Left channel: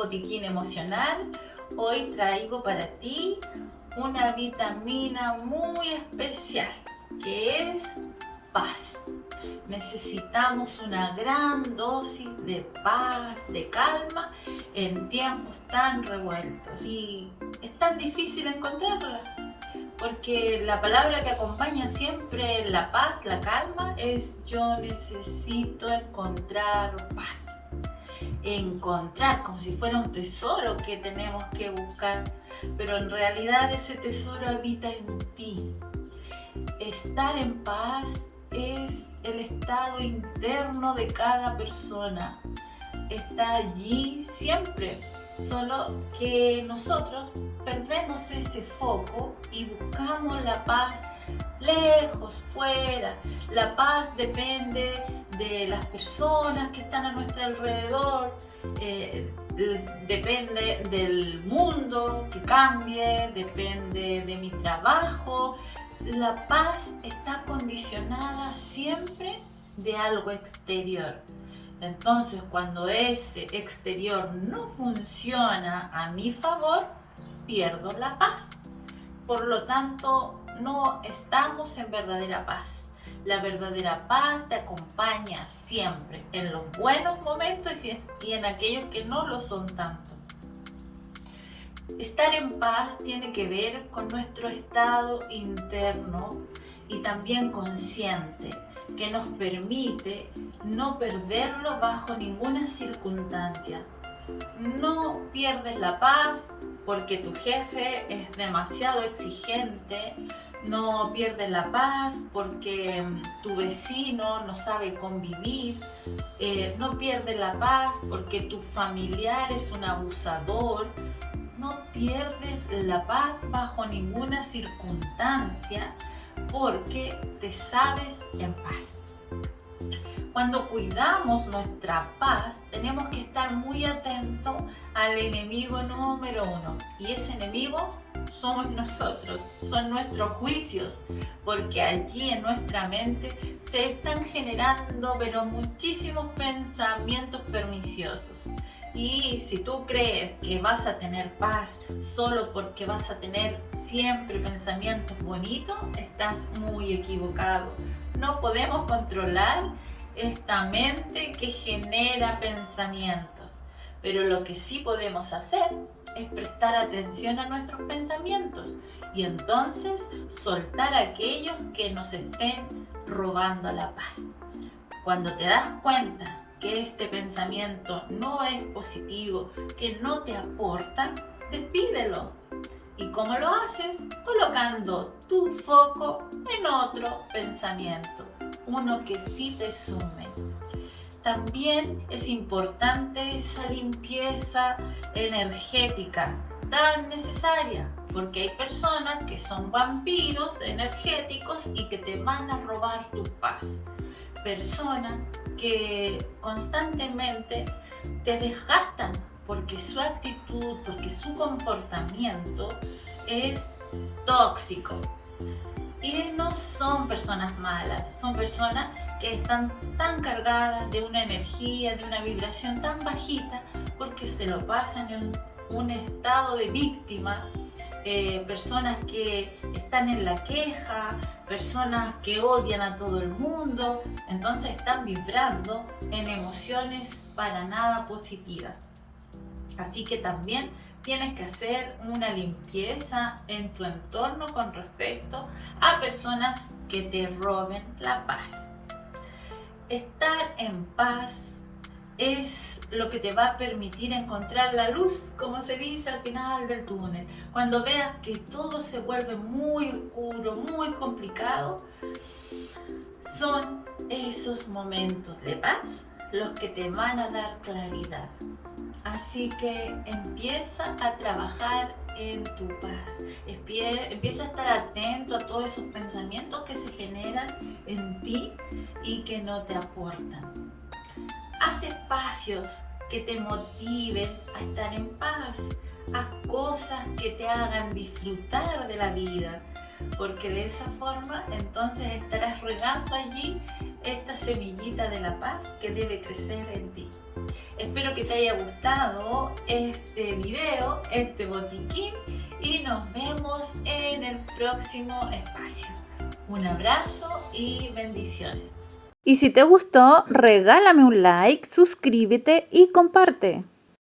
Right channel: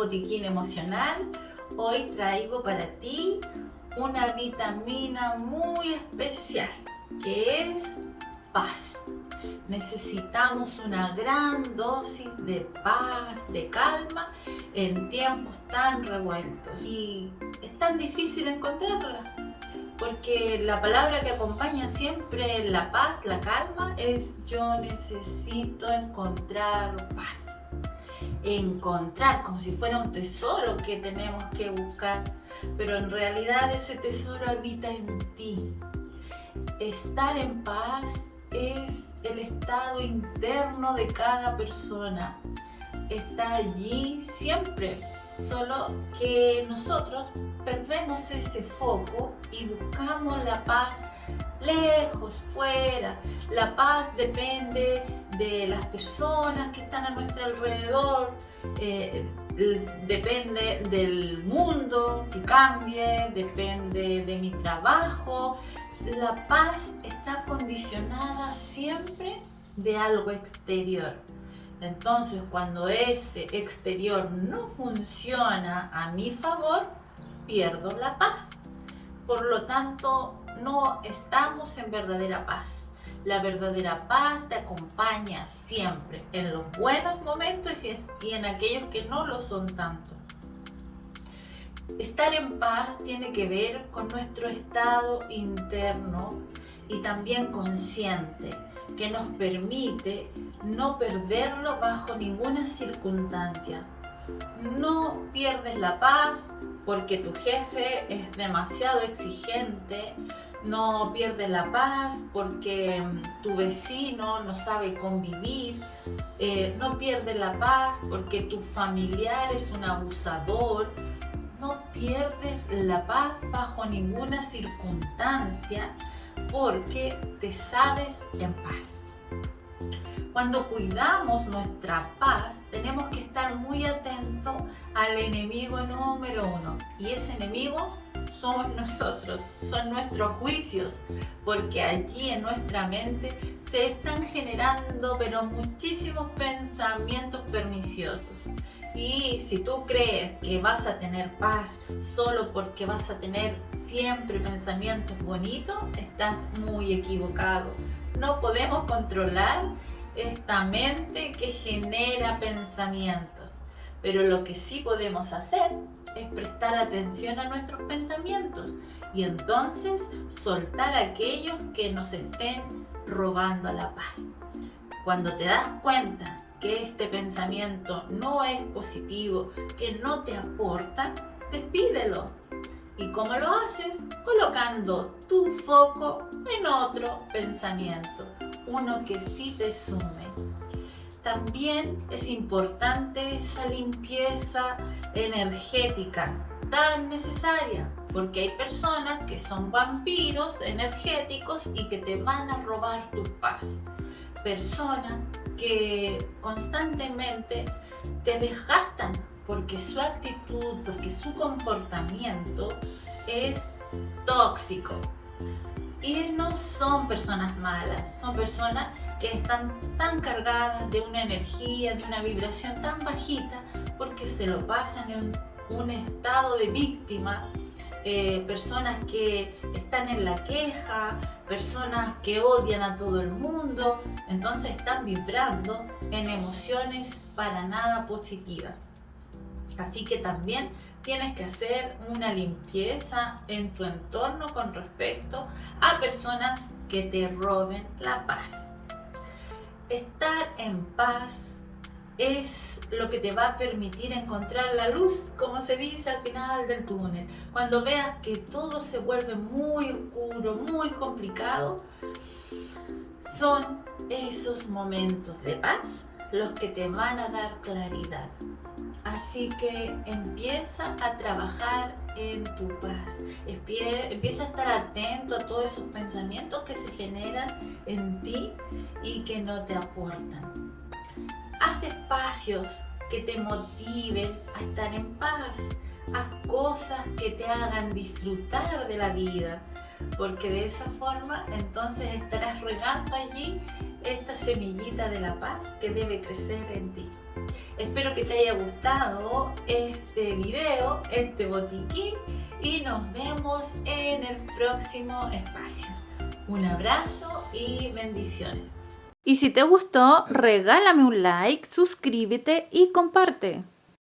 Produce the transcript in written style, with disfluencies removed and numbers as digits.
Botiquín Emocional. Hoy traigo para ti una vitamina muy especial que es paz. Necesitamos una gran dosis de paz, de calma en tiempos tan revueltos y es tan difícil encontrarla porque la palabra que acompaña siempre la paz, la calma es yo necesito encontrar paz. Encontrar como si fuera un tesoro que tenemos que buscar, pero en realidad ese tesoro habita en ti. Estar en paz es el estado interno de cada persona. Está allí siempre, solo que nosotros perdemos ese foco y buscamos la paz lejos, fuera. La paz depende de las personas que están a nuestro alrededor, depende del mundo que cambie, depende de mi trabajo. La paz está condicionada siempre de algo exterior. Entonces, cuando ese exterior no funciona a mi favor, pierdo la paz. Por lo tanto, no estamos en verdadera paz. La verdadera paz te acompaña siempre, en los buenos momentos y en aquellos que no lo son tanto. Estar en paz tiene que ver con nuestro estado interno y también consciente, que nos permite no perderlo bajo ninguna circunstancia. No pierdes la paz porque tu jefe es demasiado exigente, no pierdes la paz porque tu vecino no sabe convivir, no pierdes la paz porque tu familiar es un abusador. No pierdes la paz bajo ninguna circunstancia porque te sabes en paz. Cuando cuidamos nuestra paz, tenemos que estar muy atentos al enemigo número uno. Y ese enemigo somos nosotros, son nuestros juicios, porque allí en nuestra mente se están generando muchísimos pensamientos perniciosos. Y si tú crees que vas a tener paz solo porque vas a tener siempre pensamientos bonitos, estás muy equivocado. No podemos controlar esta mente que genera pensamientos, pero lo que sí podemos hacer es prestar atención a nuestros pensamientos y entonces soltar aquellos que nos estén robando la paz. Cuando te das cuenta que este pensamiento no es positivo, que no te aporta, despídelo. ¿Y cómo lo haces? Colocando tu foco en otro pensamiento, uno que sí te sume. También es importante esa limpieza energética tan necesaria, porque hay personas que son vampiros energéticos y que te van a robar tu paz. Personas que constantemente te desgastan porque su actitud, porque su comportamiento es tóxico. Y no son personas malas, son personas que están tan cargadas de una energía, de una vibración tan bajita, porque se lo pasan en un estado de víctima. Personas que están en la queja, personas que odian a todo el mundo, entonces están vibrando en emociones para nada positivas. Así que también tienes que hacer una limpieza en tu entorno con respecto a personas que te roben la paz. Estar en paz es lo que te va a permitir encontrar la luz, como se dice al final del túnel. Cuando veas que todo se vuelve muy oscuro, muy complicado, son esos momentos de paz los que te van a dar claridad. Así que empieza a trabajar en tu paz. Empieza a estar atento a todos esos pensamientos que se generan en ti y que no te aportan. Haz espacios que te motiven a estar en paz. Haz cosas que te hagan disfrutar de la vida, porque de esa forma entonces estarás regando allí esta semillita de la paz que debe crecer en ti. Espero que te haya gustado este video, este botiquín, y nos vemos en el próximo espacio. Un abrazo y bendiciones. Y si te gustó, regálame un like, suscríbete y comparte.